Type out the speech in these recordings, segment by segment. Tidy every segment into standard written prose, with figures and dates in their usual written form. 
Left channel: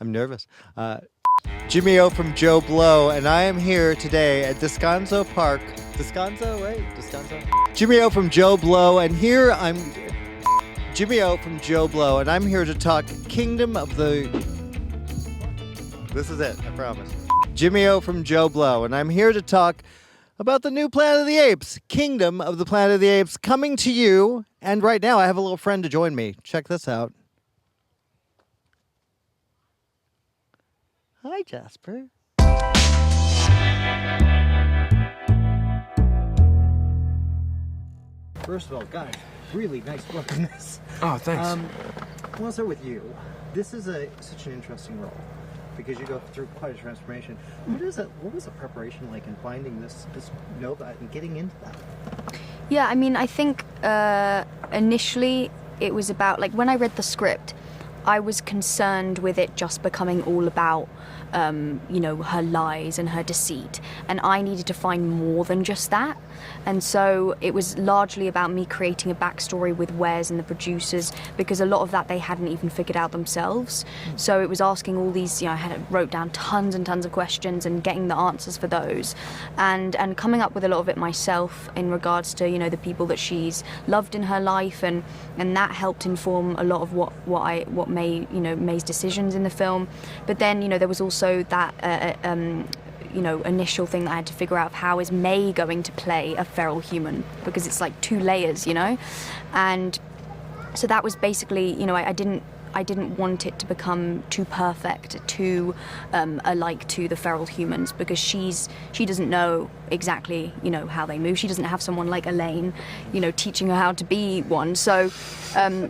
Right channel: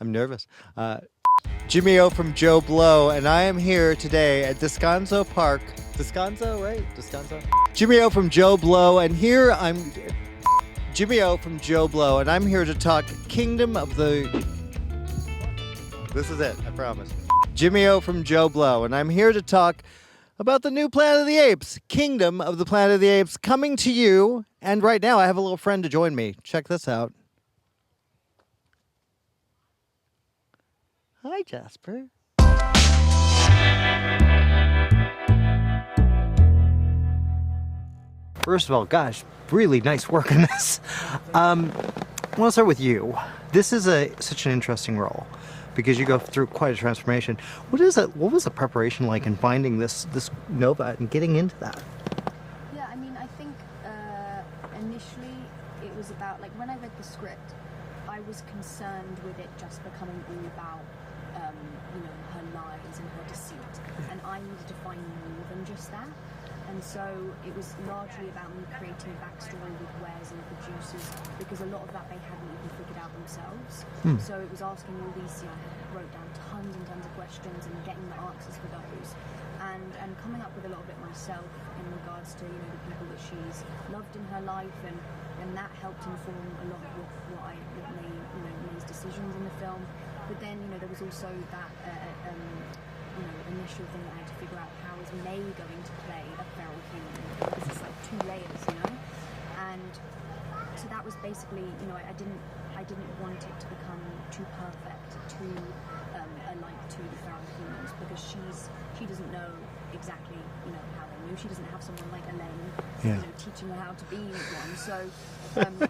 I'm nervous. Jimmy O from JoBlo, and I am here today at Descanso Park. Descanso, right? Descanso? Jimmy O from JoBlo, and here I'm... Jimmy O from JoBlo, and I'm here to talk Kingdom of the... This is it, I promise. Jimmy O from JoBlo, and I'm here to talk about the new Planet of the Apes, Kingdom of the Planet of the Apes, coming to you. And right now, I have a little friend to join me. Check this out. Hi, Jasper. First of all, gosh, really nice work on this. Oh, thanks. I want to start with you. This is such an interesting role because you go through quite a transformation. What was the preparation like in finding this Nova and getting into that? Yeah, I mean, I think initially it was about, like, when I read the script, I was concerned with it just becoming all about her lies and her deceit, and I needed to find more than just that. And so it was largely about me creating a backstory with Wes and the producers, because a lot of that they hadn't even figured out themselves. So it was asking all these, I wrote down tons and tons of questions and getting the answers for those, and coming up with a lot of it myself in regards to the people that she's loved in her life, and that helped inform a lot of what May's decisions in the film. But then there was also that initial thing that I had to figure out of how is May going to play a feral human, because it's like two layers, and so that was basically, I didn't want it to become too perfect, too alike to the feral humans, because she doesn't know exactly how they move. She doesn't have someone like Elaine, teaching her how to be one. So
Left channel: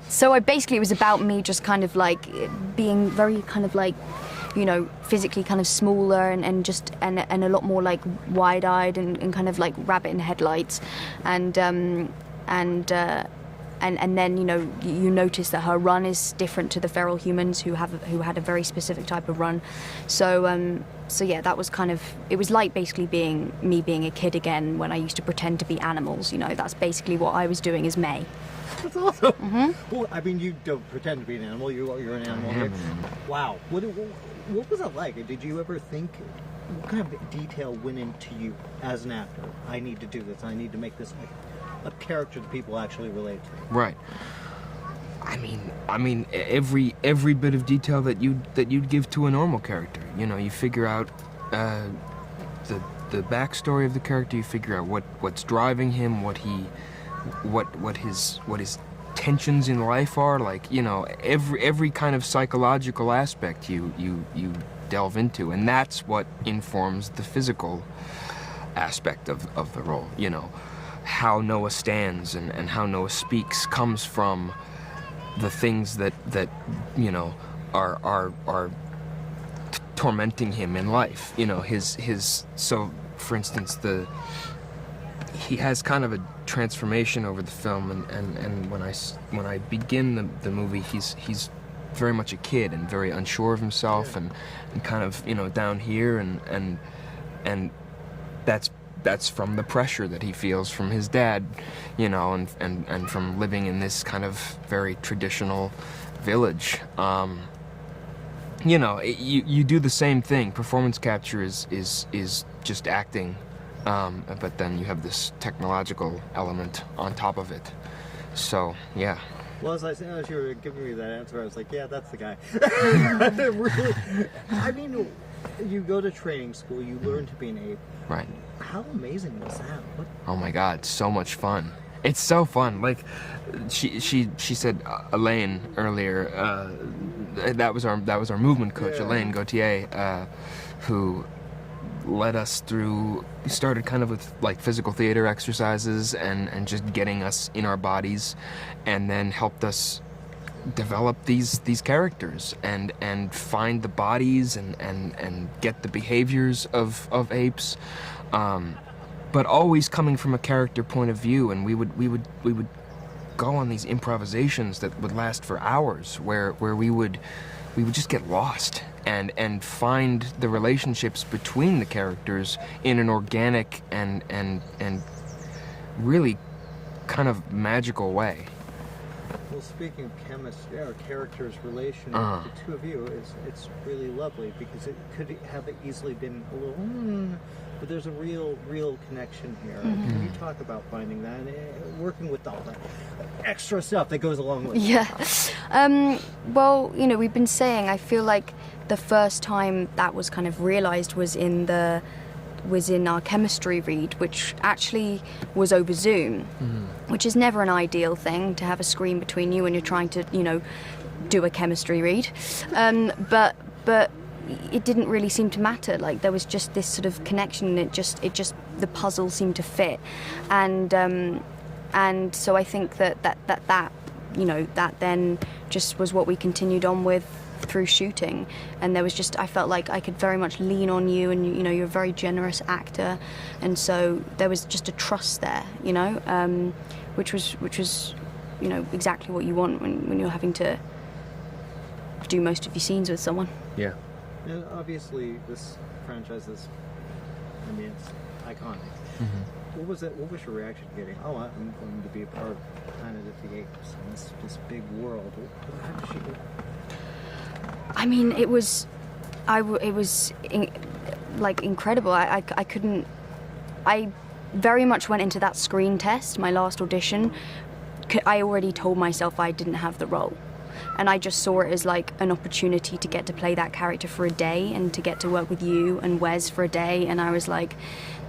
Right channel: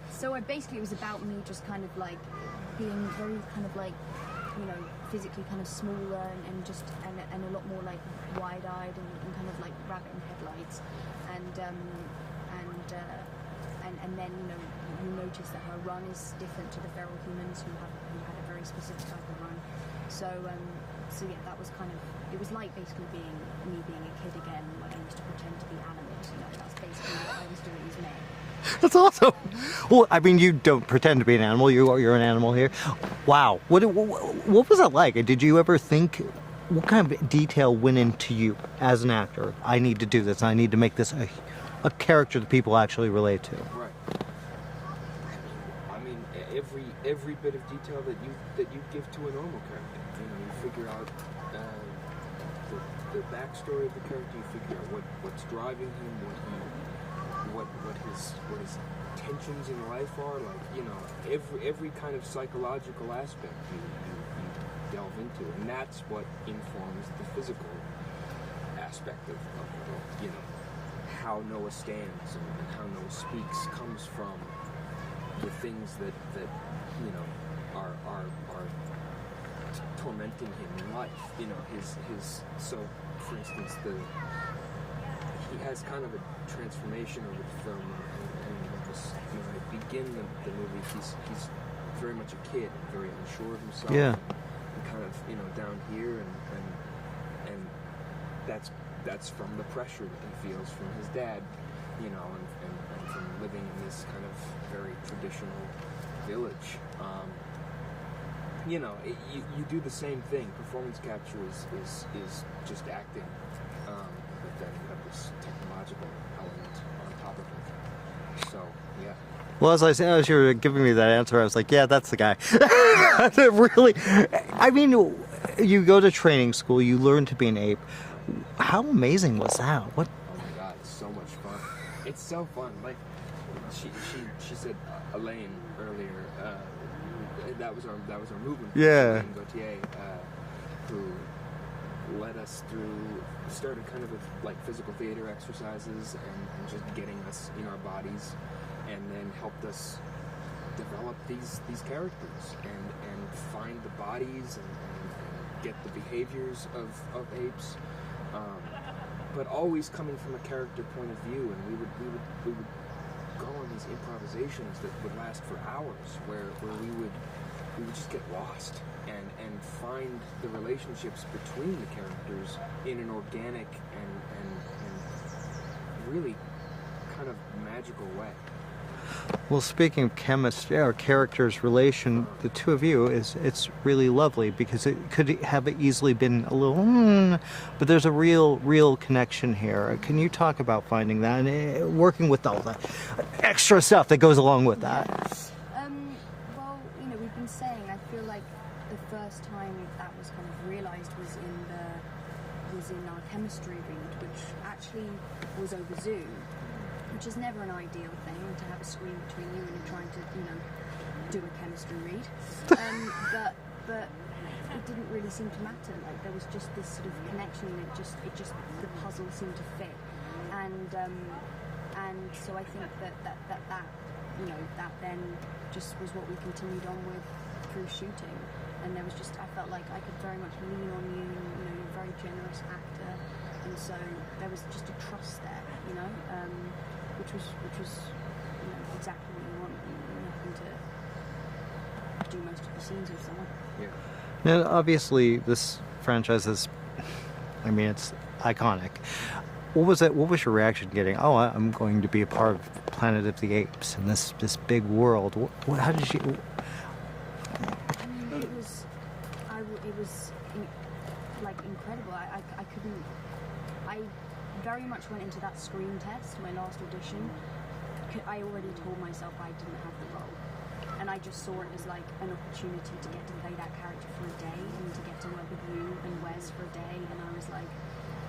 so it was about me just kind of like being very kind of like physically kind of smaller and just and a lot more like wide-eyed and kind of like rabbit in headlights, and then you notice that her run is different to the feral humans who had a very specific type of run. So yeah, that was kind of, it was like basically being a kid again when I used to pretend to be animals. That's basically what I was doing as May. That's awesome. Well, I mean, you don't pretend to be an animal. You're an animal here. Wow. What was that like? Did you ever think, what kind of detail went into you as an actor? I need to do this. I need to make this a character that people actually relate to. Right. I mean, every bit of detail that you'd give to a normal character. You figure out the backstory of the character. You figure out what's driving him, what his tensions in life are. Like, every kind of psychological aspect you delve into, and that's what informs the physical aspect of the role. How Noah stands and how Noah speaks comes from the things that are tormenting him in life. So for instance, he has kind of a transformation over the film, and when I begin the movie, he's very much a kid and very unsure of himself, and kind of down here, and that's from the pressure that he feels from his dad, and from living in this kind of very traditional village. You do the same thing. Performance capture is just acting, but then you have this technological element on top of it. So, yeah. Well, as you were giving me that answer, I was like, yeah, that's the guy. Really, I mean, you go to training school, you learn to be an ape. Right. How amazing was that? What? Oh my God, so much fun. It's so fun. Like, she said Elaine earlier. That was our movement coach, Elaine Gauthier, who led us through. Started kind of with like physical theater exercises and just getting us in our bodies, and then helped us develop these characters and find the bodies and get the behaviors of apes, but always coming from a character point of view. And we would go on these improvisations that would last for hours, where we would just get lost and find the relationships between the characters in an organic and really kind of magical way. Well, speaking of chemistry or characters' relation, the two of you it's really lovely because it could have easily been a little, but there's a real connection here. Can you talk about finding that and working with all the extra stuff that goes along with that? Yeah. Well, you know, we've been saying, I feel like the first time that was kind of realized was in our chemistry read, which actually was over Zoom, which is never an ideal thing to have a screen between you when you're trying to, you know, do a chemistry read. But it didn't really seem to matter. Like there was just this sort of connection. It just the puzzle seemed to fit, and so I think that you know, that then just was what we continued on with through shooting. And there was just, I felt like I could very much lean on you, and you know, you're a very generous actor, and so there was just a trust there, you know, which was you know, exactly what you want when you're having to do most of your scenes with someone. Yeah. Now, obviously, this franchise is, I mean, it's iconic. What was it? What was your reaction getting? Oh, I'm going to be a part of Planet of the Apes in this big world. How did you? I mean, it was like incredible. I couldn't. I very much went into that screen test, my last audition. I already told myself I didn't have the role, and I just saw it as like an opportunity to get to play that character for a day and to get to work with you and Wes for a day. And I was like,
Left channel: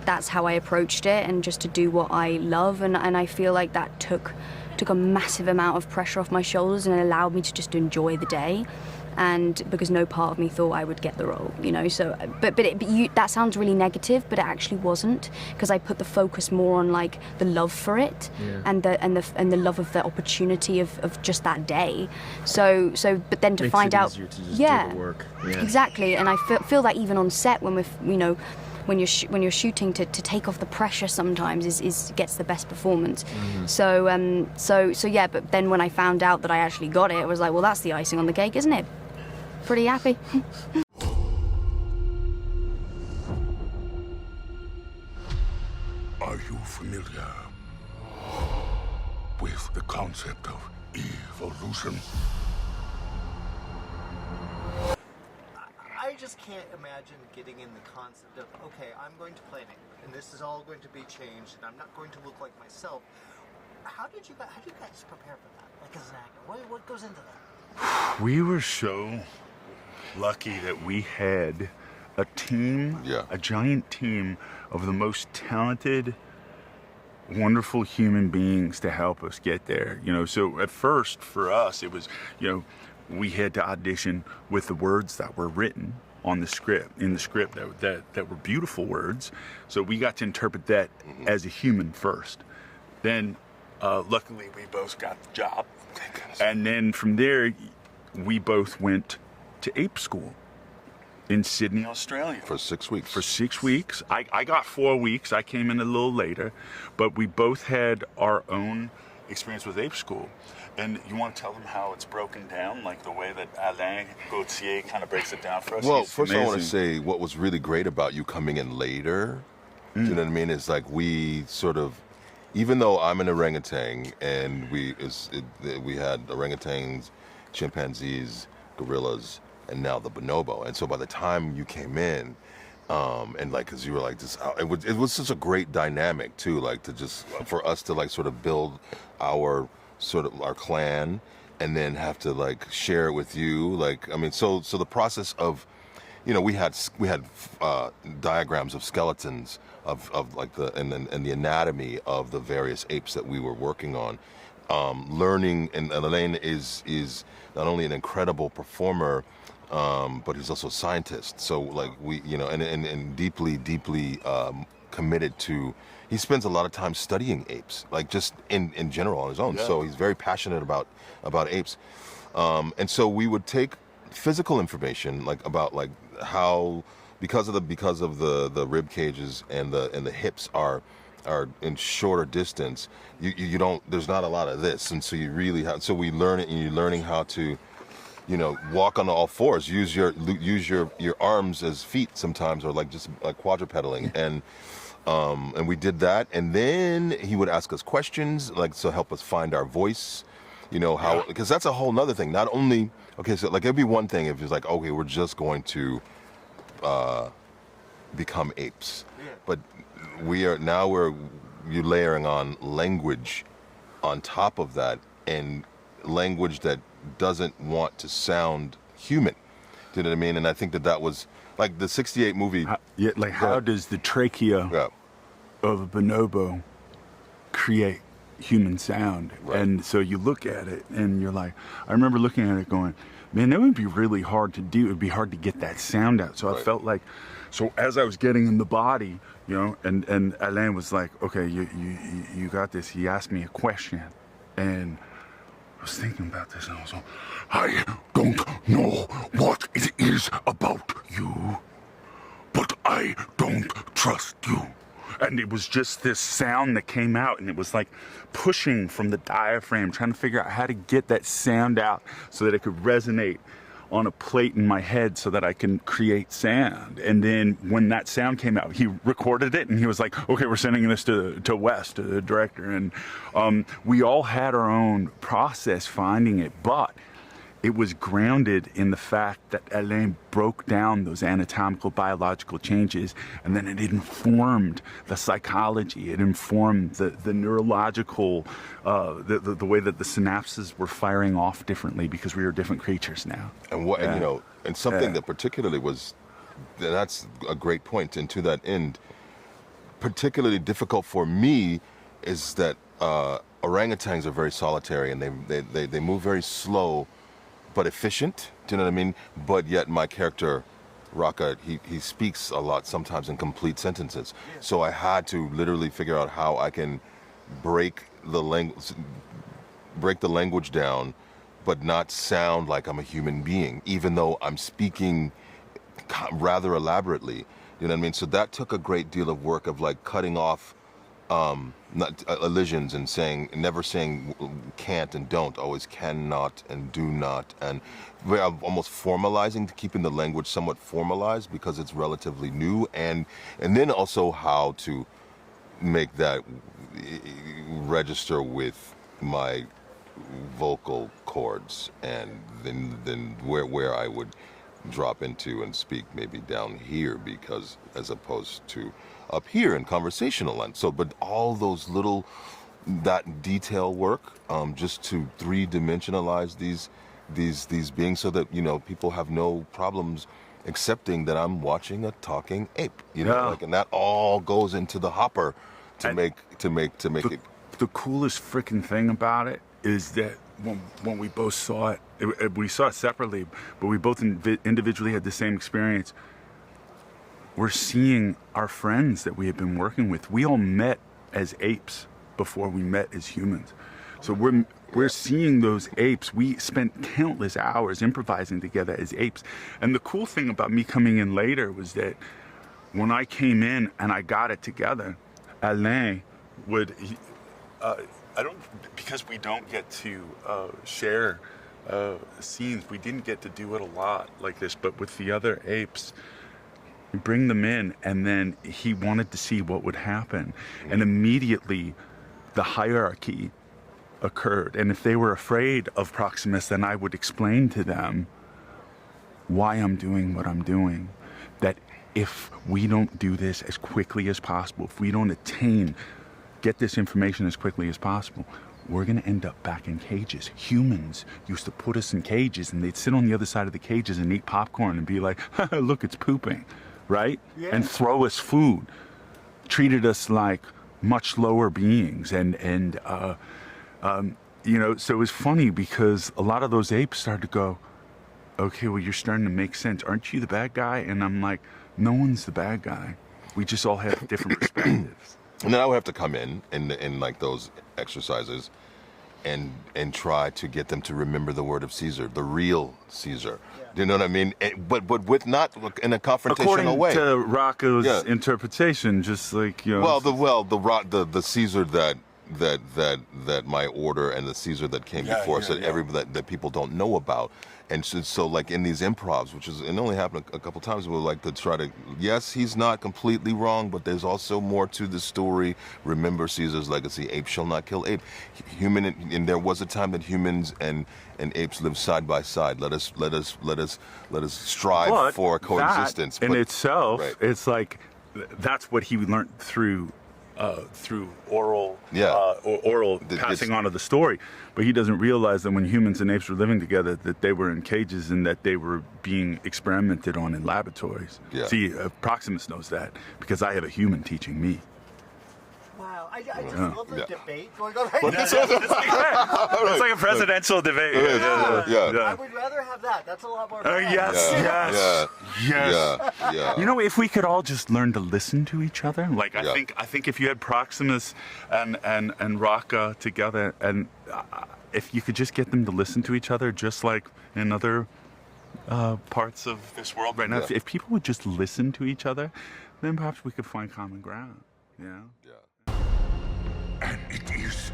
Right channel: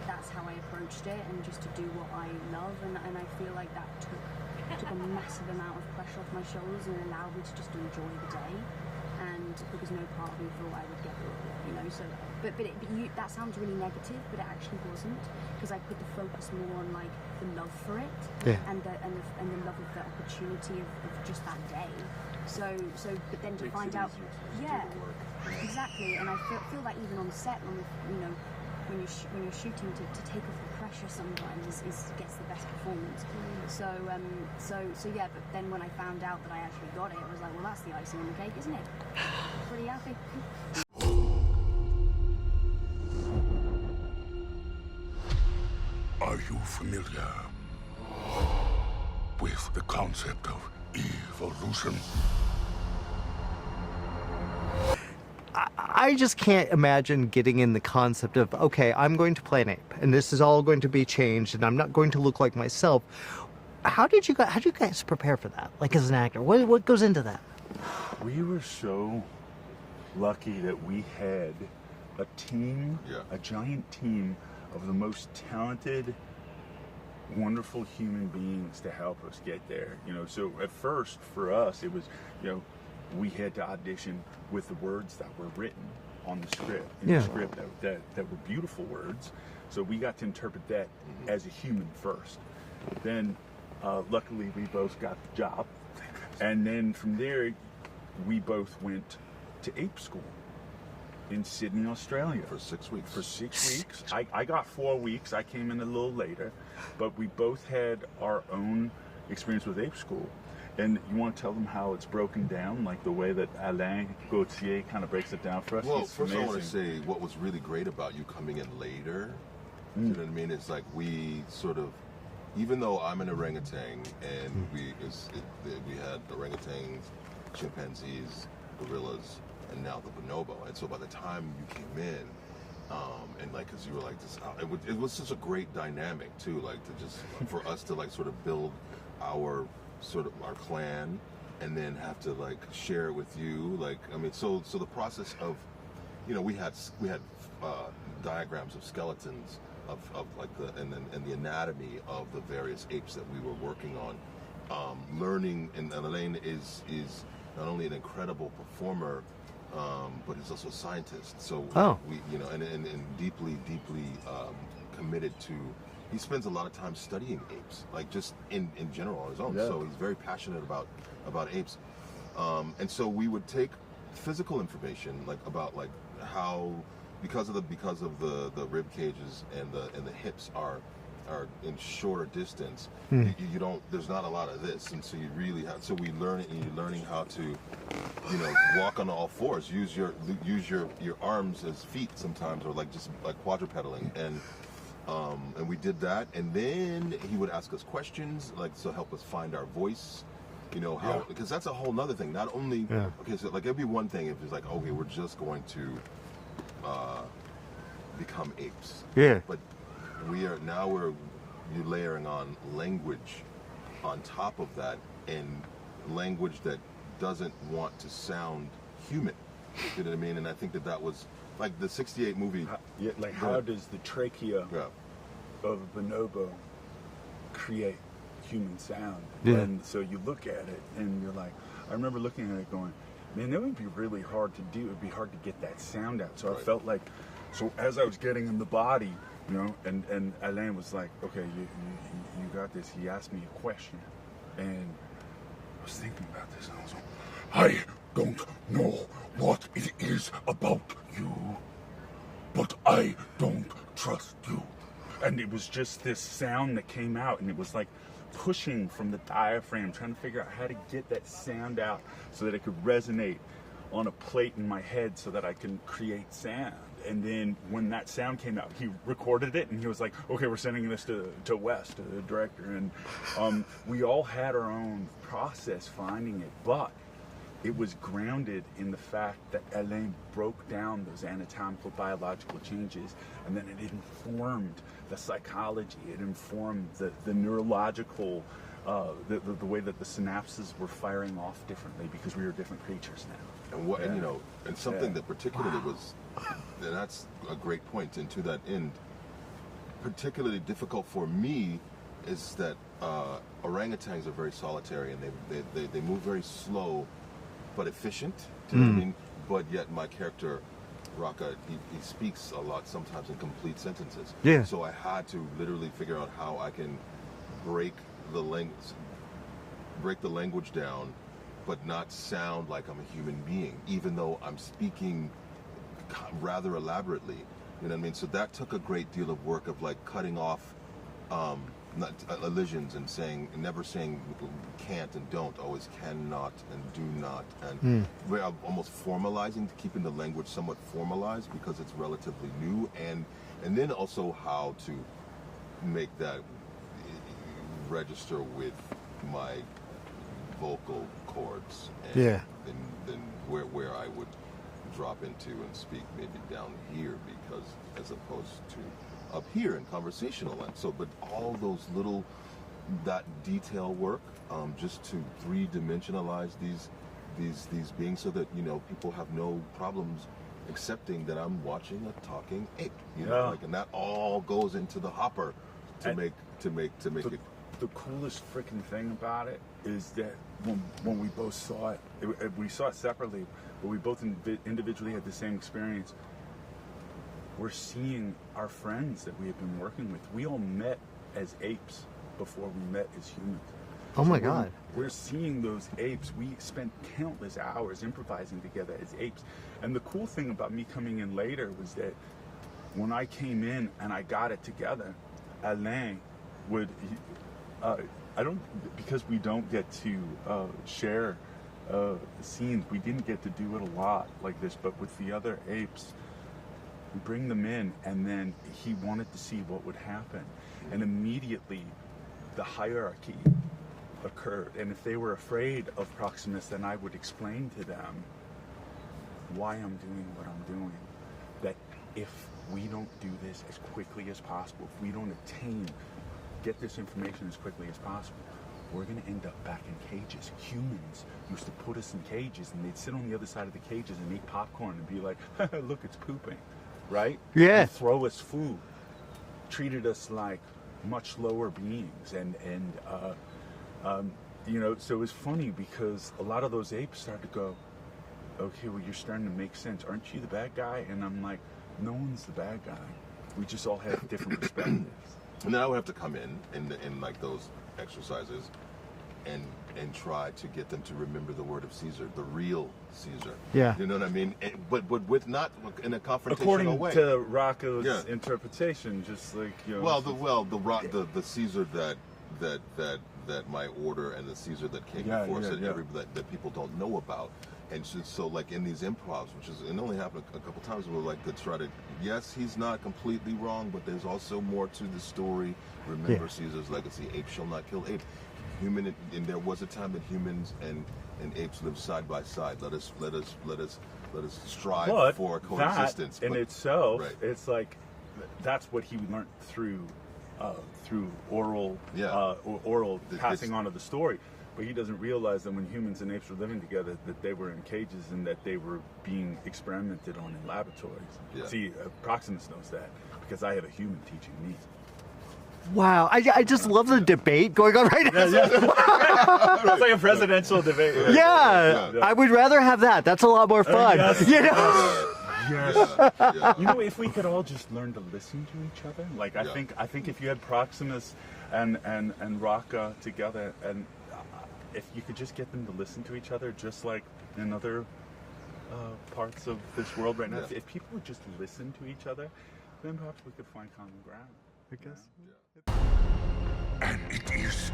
that's how I approached it, and just to do what I love. And I feel like that took a massive amount of pressure off my shoulders and allowed me to just enjoy the day. And because no part of me thought I would get the role, you know. So, but that sounds really negative, but it actually wasn't, because I put the focus more on like the love for it, and the love of the opportunity of just that day. So, but then to Makes find it out, easier to just do the work. Yeah. Exactly. And I feel that even on set when when you're shooting, to take off the pressure sometimes is gets the best performance. So yeah. But then when I found out that I actually got it, I was like, well, that's the icing on the cake, isn't it? Pretty happy. Are you familiar with the concept of evolution? I just can't imagine getting in the concept of, okay, I'm going to play an ape, and this is all going to be changed, and I'm not going to look like myself. How did you guys prepare for that? Like, as an actor, what goes into that? We were so lucky that we had a team, a giant team of the most talented, wonderful human beings to help us get there. You know, so at first for us, it was, you know, we had to audition with the words that were written on the script, the script that were beautiful words. So we got to interpret that as a human first. Then, luckily, we both got the job. And then from there, we both went to Ape School in Sydney, Australia. For 6 weeks. For 6 weeks. I got 4 weeks. I came in a little later. But we both had our own experience with Ape School. And you want to tell them how it's broken down, like the way that Alain Gauthier kind of breaks it down for us? Well, It's first I want to amazing. say what was really great about you coming in later, you know what I mean, is like we sort of, even though I'm an orangutan and we had orangutans, chimpanzees, gorillas, and now the bonobo. And so by the time you came in, and like, cause you were like this, it was such a great dynamic too, like to just, for us to like sort of build our clan and then have to like share it with you. Like, I mean, so the process of, you know, we had diagrams of skeletons of like and the anatomy of the various apes that we were working on, learning. And Alain is not only an incredible performer, but he's also a scientist. So like we, you know, and deeply committed to. He spends a lot of time studying apes, like just in general on his own. So he's very passionate about apes, and so we would take physical information, like about like how because of the rib cages and the hips are in shorter distance. You don't, there's not a lot of this, and so you really have. So we learn it, and you're learning how to, you know, walk on all fours, use your arms as feet sometimes, or like just like quadrupedaling. And we did that, and then he would ask us questions, like, so help us find our voice, You know, how, because that's a whole nother thing. Not only, okay, so like it'd be one thing if it's like, okay, we're just going to become apes. Yeah. But you're layering on language on top of that, and language that doesn't want to sound human. You know what I mean? And I think that was like the '68 movie. How does the trachea of a bonobo create human sound? And so you look at it and you're like, I remember looking at it going, man, that would be really hard to do. It would be hard to get that sound out. So I felt like, so as I was getting in the body, you know, and Alain was like, okay, you got this. He asked me a question, and I was thinking about this, and I was like, I don't know what it is about you, but I don't trust you. And it was just this sound that came out, and it was like pushing from the diaphragm, trying to figure out how to get that sound out so that it could resonate on a plate in my head so that I can create sound. And then when that sound came out, he recorded it, and he was like, okay, we're sending this to Wes, to the director. And we all had our own process finding it, but it was grounded in the fact that Alain broke down those anatomical biological changes, and then it informed the psychology, it informed the neurological, the way that the synapses were firing off differently because we were different creatures now. And what, and, you know, and something that particularly that's a great point, and to that end, particularly difficult for me is that orangutans are very solitary, and they move very slow but efficient, do you know what I mean? But yet my character, Raka, he speaks a lot, sometimes in complete sentences. Yeah. So I had to literally figure out how I can break the language down, but not sound like I'm a human being, even though I'm speaking rather elaborately. You know what I mean? So that took a great deal of work of like cutting off elisions and never saying can't and don't, always cannot and do not, and we're almost formalizing, keeping the language somewhat formalized because it's relatively new, and then also how to make that register with my vocal cords, and then where I would drop into and speak maybe down here, because as opposed to up here in conversational. And so, but all those little, that detail work, just to three-dimensionalize these beings, so that, you know, people have no problems accepting that I'm watching a talking ape, you know, like, and that all goes into the hopper to make it. The coolest freaking thing about it is that when we both saw it, we saw it separately, but we both individually had the same experience. We're seeing our friends that we have been working with. We all met as apes before we met as humans. Oh so my God. We're seeing those apes. We spent countless hours improvising together as apes. And the cool thing about me coming in later was that when I came in and I got it together, Alain would, because we don't get to share scenes, we didn't get to do it a lot like this, but with the other apes, we bring them in, and then he wanted to see what would happen. And immediately the hierarchy occurred. And if they were afraid of Proximus, then I would explain to them why I'm doing what I'm doing. That if we don't do this as quickly as possible, if we don't get this information as quickly as possible, we're gonna end up back in cages. Humans used to put us in cages, and they'd sit on the other side of the cages and eat popcorn and be like, look, it's pooping. Right? Yeah. And throw us food, treated us like much lower beings, and you know, so it was funny because a lot of those apes started to go, okay, well, you're starting to make sense. Aren't you the bad guy? And I'm like, no one's the bad guy. We just all have different perspectives. And then I would have to come in like those exercises and try to get them to remember the word of Caesar, the real Caesar. Yeah. You know what I mean? But with not in a confrontational According way. to Rocco's interpretation, just like, you know. The Caesar that my order and the Caesar that came before said that people don't know about And so like in these improvs, which is, it only happened a couple times, we're like to try to, yes, he's not completely wrong, but there's also more to the story. Remember Caesar's legacy, ape shall not kill ape. And there was a time that humans and apes lived side by side. Let us strive for coexistence. That in itself, right. it's like, that's what he learned through oral passing on of the story. But he doesn't realize that when humans and apes were living together, that they were in cages and that they were being experimented on in laboratories. Yeah. See, Proximus knows that because I have a human teaching me. Wow, I just love the debate going on right now. It's like a presidential debate. Yeah. I would rather have that. That's a lot more fun. Yes. You know? You know, if we could all just learn to listen to each other, like I think if you had Proximus and Raka together, and if you could just get them to listen to each other, just like in other parts of this world right now, if people would just listen to each other, then perhaps we could find common ground. You know? And it is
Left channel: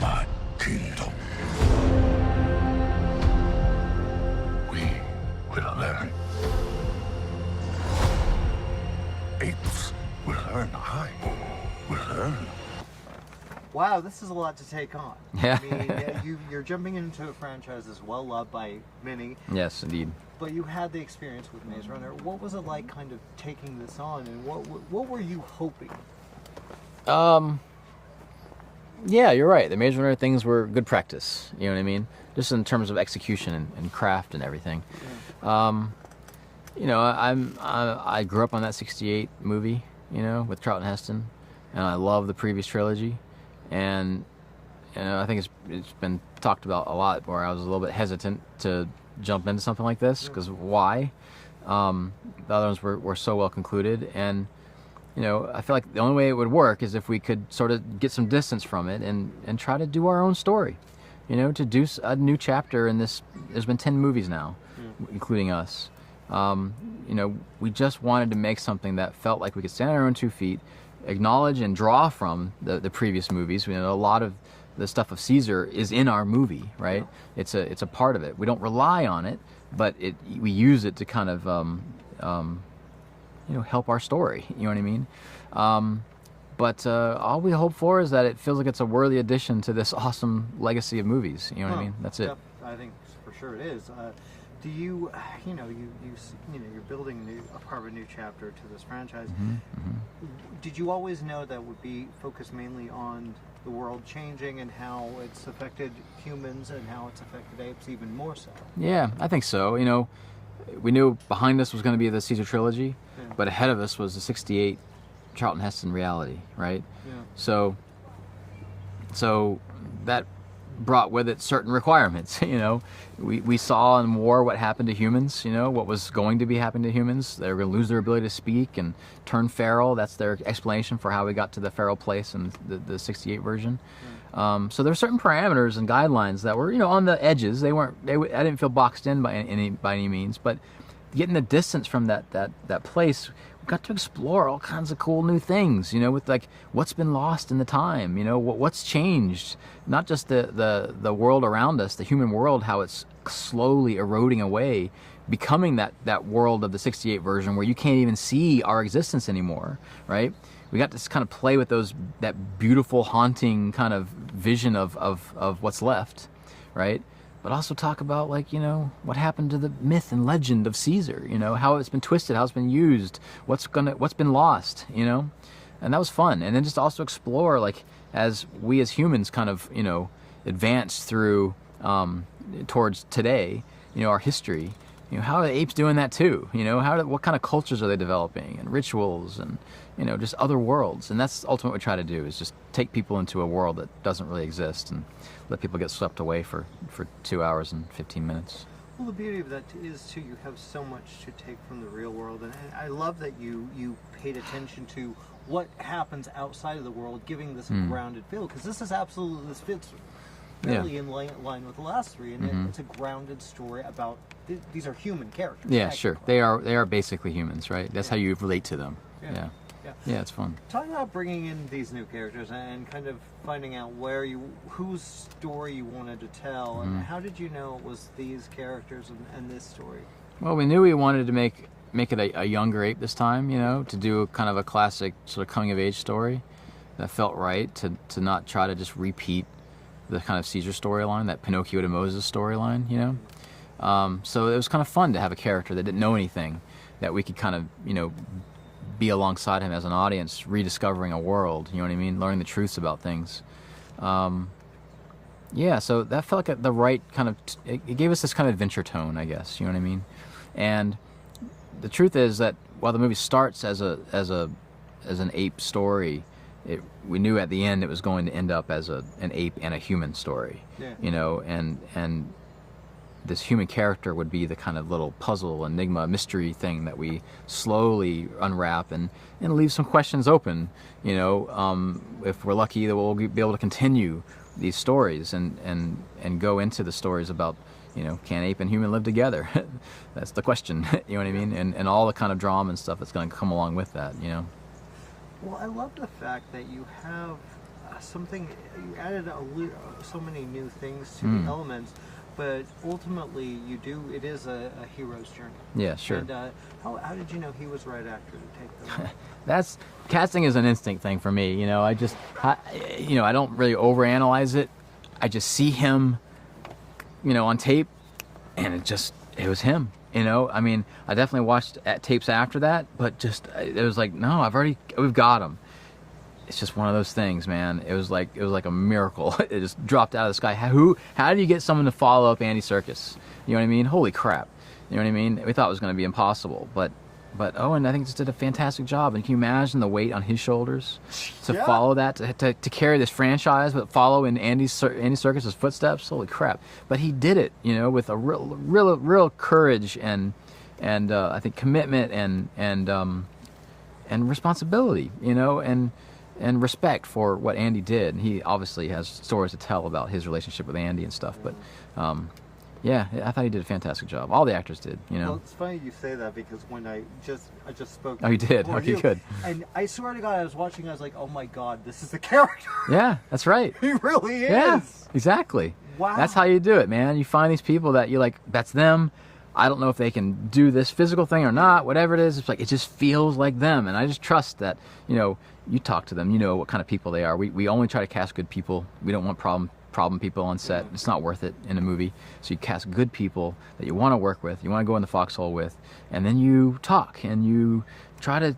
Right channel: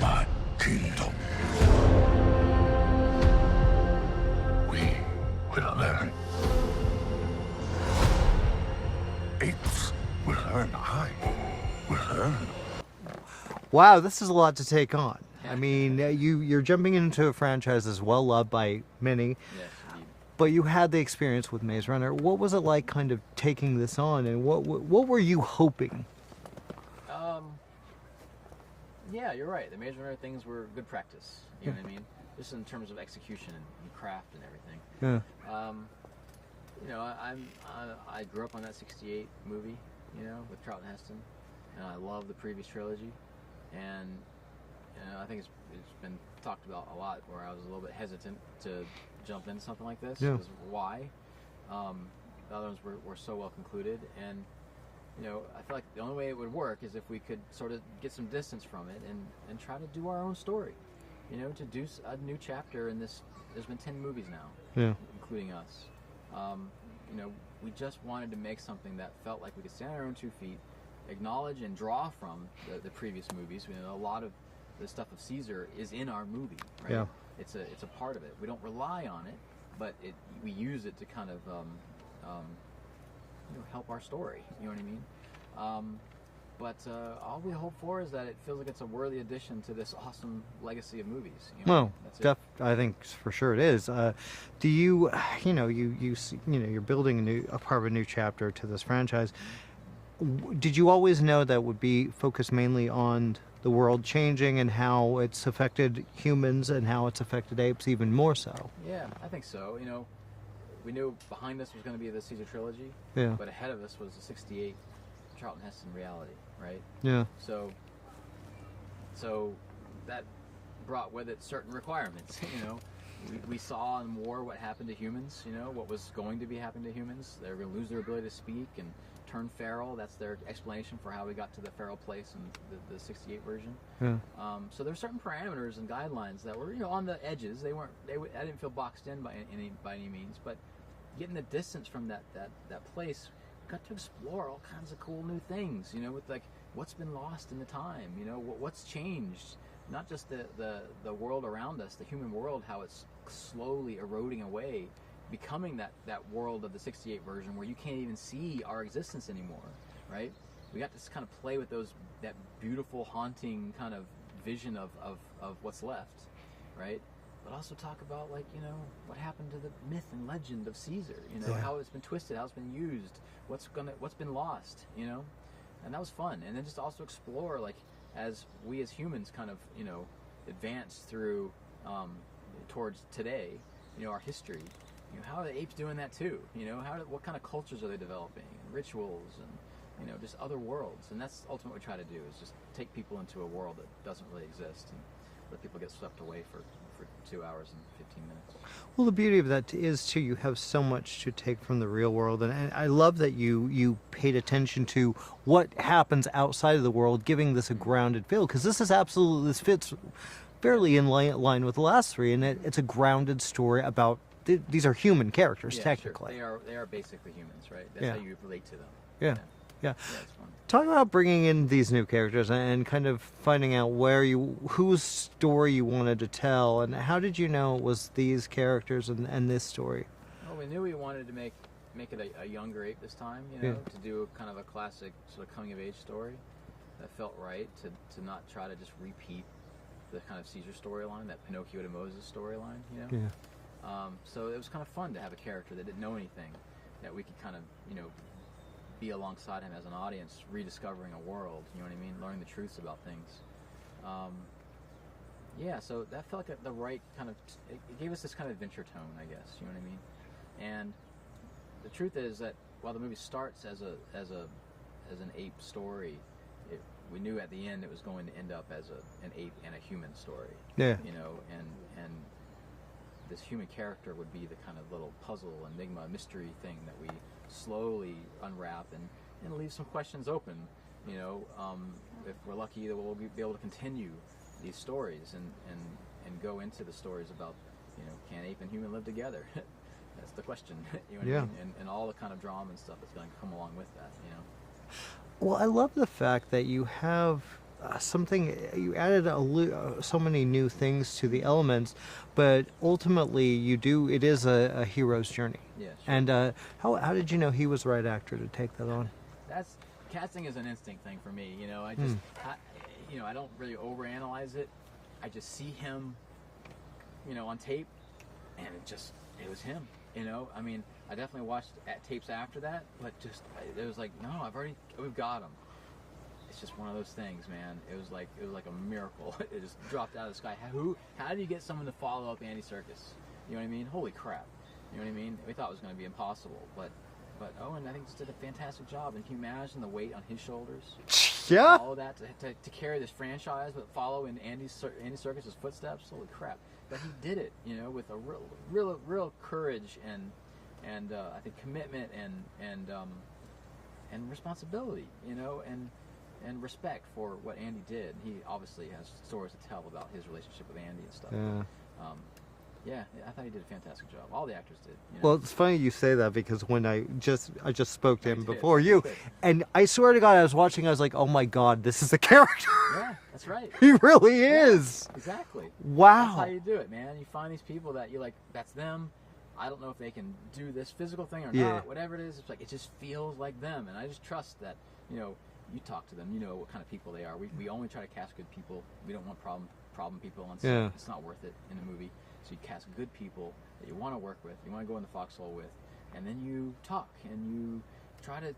my kingdom. We will learn. Apes will learn. I will learn. Wow, this is a lot to take on. Yeah. I mean, you're jumping into a franchise that's well loved by many. Yes, indeed. But you had the experience with Maze Runner. What was it like, kind of taking this on, and what were you hoping? Yeah, you're right. The Maze Runner things were good practice. You know what I mean? Just in terms of execution and craft and everything. Yeah. You know, I grew up on that '68 movie, you know, with Charlton Heston, and I love the previous trilogy, and you know, I think it's been talked about a lot. Where I was a little bit hesitant to jump into something like this because why? The other ones were so well concluded, and you know, I feel like the only way it would work is if we could sort of get some distance from it and try to do our own story. You know, to do a new chapter in this. There's been 10 movies now, including us. You know, we just wanted to make something that felt like we could stand on our own 2 feet, acknowledge and draw from the previous movies. You know, a lot of the stuff of Caesar is in our movie, right? Yeah. It's a part of it. We don't rely on it, but we use it to kind of you know, help our story. You know what I mean? But all we hope for is that it feels like it's a worthy addition to this awesome legacy of movies. You know what I mean? That's it. I think for sure it is. Do you, you know, you're building a part of a new chapter to this franchise. Did you always know that would be focused mainly on the world changing and how it's affected humans and how it's affected apes even more so? Yeah, I think so. You know, we knew behind us was going to be the Caesar trilogy, but ahead of us was the '68 Charlton Heston reality, right? Yeah. So that brought with it certain requirements. You know, we saw in war what happened to humans. You know, what was going to be happening to humans. They were going to lose their ability to speak and turn feral. That's their explanation for how we got to the feral place in the '68 version. So there were certain parameters and guidelines that were, you know, on the edges. I didn't feel boxed in by any means, but getting the distance from that place, we got to explore all kinds of cool new things, you know, with like what's been lost in the time, you know, what's changed, not just the world around us, the human world, how it's slowly eroding away, becoming that world of the '68 version where you can't even see our existence anymore, right? We got to kind of play with that beautiful, haunting kind of vision of what's left, right? But also talk about, like, you know, what happened to the myth and legend of Caesar, you know, how it's been twisted, how it's been used, what's been lost, you know? And that was fun. And then just also explore, like, as we as humans kind of, you know, advance through towards today, you know, our history, you know, how are the apes doing that too? You know, what kind of cultures are they developing, and rituals, and, you know, just other worlds. And that's ultimately what we try to do, is just take people into a world that doesn't really exist and let people get swept away for 2 hours and 15 minutes. Well, the beauty of that is, too, you have so much to take from the real world. And I love that you paid attention to what happens outside of the world, giving this a grounded feel. Because this fits fairly in line with the last three. And it's a grounded story about, these are human characters, yeah, sure. They are basically humans, right? That's how you relate to them. Yeah. Yeah. Yeah, it's fun. Talk about bringing in these new characters and kind of finding out whose story you wanted to tell, and how did you know it was these characters and this story? Well, we knew we wanted to make it a younger ape this time, you know, to do kind of a classic sort of coming of age story that felt right, to not try to just repeat the kind of Caesar storyline, that Pinocchio to Moses storyline, you know. Yeah. So it was kind of fun to have a character that didn't know anything, that we could kind of, you know, be alongside him as an audience, rediscovering a world, you know what I mean, learning the truths about things. Yeah, so that felt like the right kind of, it gave us this kind of adventure tone, I guess, you know what I mean. And the truth is that while the movie starts as an ape story, we knew at the end it was going to end up as an ape and a human story. Yeah. You know, and this human character would be the kind of little puzzle, enigma, mystery thing that we slowly unwrap and leave some questions open. You know, if we're lucky, that we'll be able to continue these stories and go into the stories about, you know, can ape and human live together? That's the question. You know what I mean? And all the kind of drama and stuff that's going to come along with that. You know. Well, I love the fact that you have you added so many new things to the elements, but ultimately it is a hero's journey. Yeah, sure. And how did you know he was the right actor to take that on? Casting is an instinct thing for me. You know, I don't really overanalyze it. I just see him, you know, on tape, and it was him. You know, I mean, I definitely watched tapes after that, but it was like, no, we've got him. It's just one of those things, man. It was like a miracle. It just dropped out of the sky. How do you get someone to follow up Andy Serkis? You know what I mean? Holy crap. You know what I mean? We thought it was going to be impossible, but Owen, I think, just did a fantastic job. And can you imagine the weight on his shoulders to follow that, to carry this franchise, but follow in Andy Serkis' footsteps? Holy crap! But he did it, you know, with a real courage and I think commitment and responsibility, you know, and respect for what Andy did. He obviously has stories to tell about his relationship with Andy and stuff, but. Yeah, I thought he did a fantastic job. All the actors did, you know. Well, it's funny you say that because when I just spoke to you before you, good. And I swear to God, I was watching. I was like, "Oh my God, this is a character." Yeah, that's right. He really is. Exactly. Wow. That's how you do it, man. You find these people that you like. That's them. I don't know if they can do this physical thing or not. Whatever it is, it's like it just feels like them, and I just trust that. You know, you talk to them. You know what kind of people they are. We only try to cast good people. We don't want problem people on set. It's not worth it in a movie. So you cast good people that you want to work with, you want to go in the foxhole with, and then you talk and you try to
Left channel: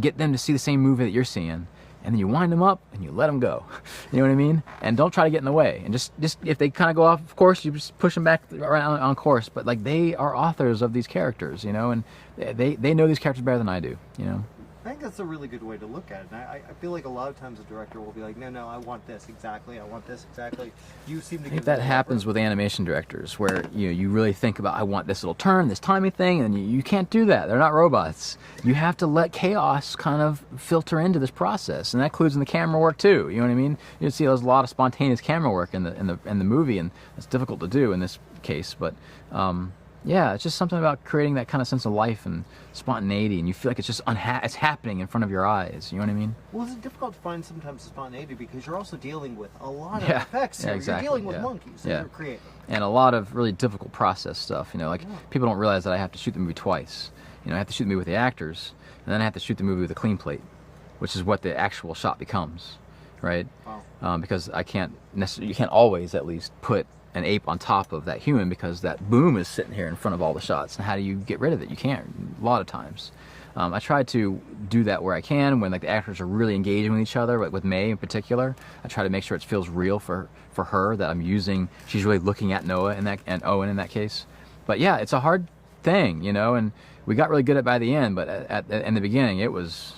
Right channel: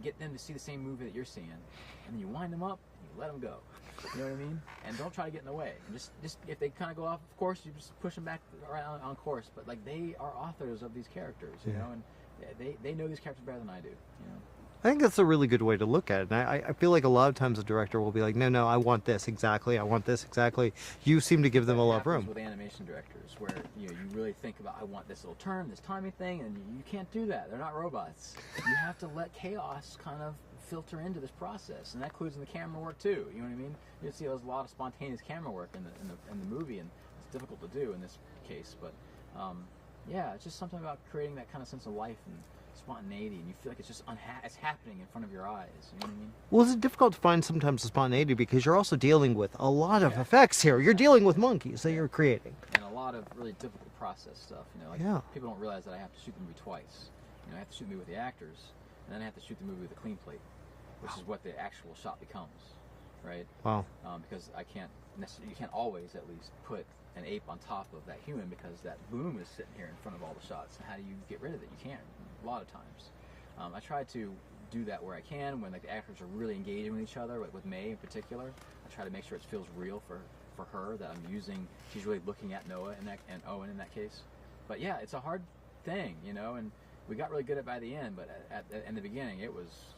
get them to see the same movie that you're seeing, and then you wind them up and you let them go. You know what I mean? And don't try to get in the way. And just if they kind of go off course, you just push them back around on course. But like, they are authors of these characters, you know, and they know these characters better than I do, you know. I think that's a really good way to look at it. And I feel like a lot of times a director will be like, no, I want this exactly. I want this exactly. You seem to give them a lot of room. That happens with animation directors, where you really think about, I want this little turn, this timing thing, and you can't do that. They're not robots. You have to let chaos kind of filter into this process, and that includes in the camera work too. You know what I mean? You see, there's a lot of spontaneous camera work in the movie, and it's difficult to do in this case, but. Yeah, it's just something about creating that kind of sense of life and spontaneity, and you feel like it's just it's happening in front of your eyes. You know what I mean? Well, it's difficult to find sometimes the spontaneity because you're also dealing with a lot of effects here. Exactly. You're dealing with monkeys that you're creating. And a lot of really difficult process stuff. You know, like people don't realize that I have to shoot the movie twice. You know, I have to shoot the movie with the actors, and then I have to shoot the movie with a clean plate, which is what the actual shot becomes, right? Wow. Because you can't always at least put an ape on top of that human because that boom is sitting here in front of all the shots. And how do you get rid of it? You can't, a lot of times. I try to do that where I can, when like the actors are really engaging with each other, like with May in particular. I try to make sure it feels real for her, that she's really looking at Noah and Owen in that case. But yeah, it's a hard thing, you know, and we got really good at it by the end, but in the beginning it was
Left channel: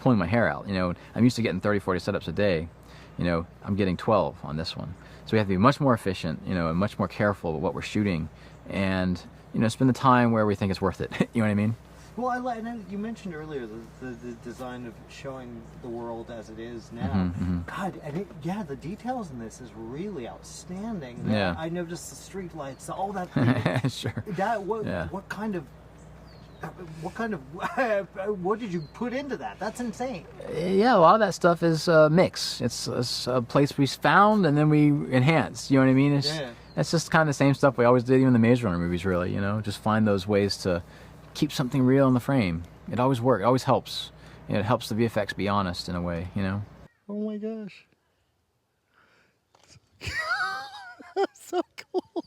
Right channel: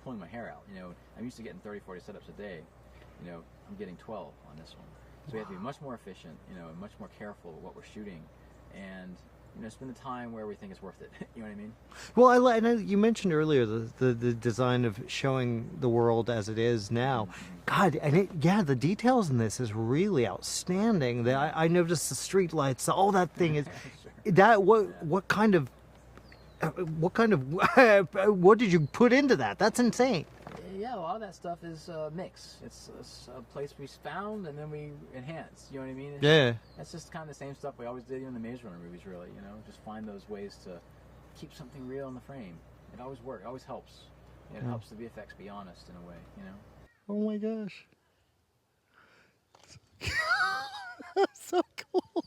pulling my hair out. You know, I'm used to getting 30, 40 setups a day. You know, I'm getting 12 on this one. So we have to be much more efficient, you know, and much more careful with what we're shooting, and you know, spend the time where we think it's worth it. You know what I mean? Well, I know you mentioned earlier the design of showing the world as it is now. God, the details in this is really outstanding. I noticed the street lights, all that thing. Sure. What kind of what kind of what did you put into that? That's insane. Yeah, a lot of that stuff is a mix. It's a place we found and then we enhanced. You know what I mean? It's just kind of the same stuff we always did, even in the Maze Runner movies. Really, you know, just find those ways to keep something real in the frame. It always works. It always helps. You know, it helps the VFX be honest in a way. You know. Oh my gosh. So cool.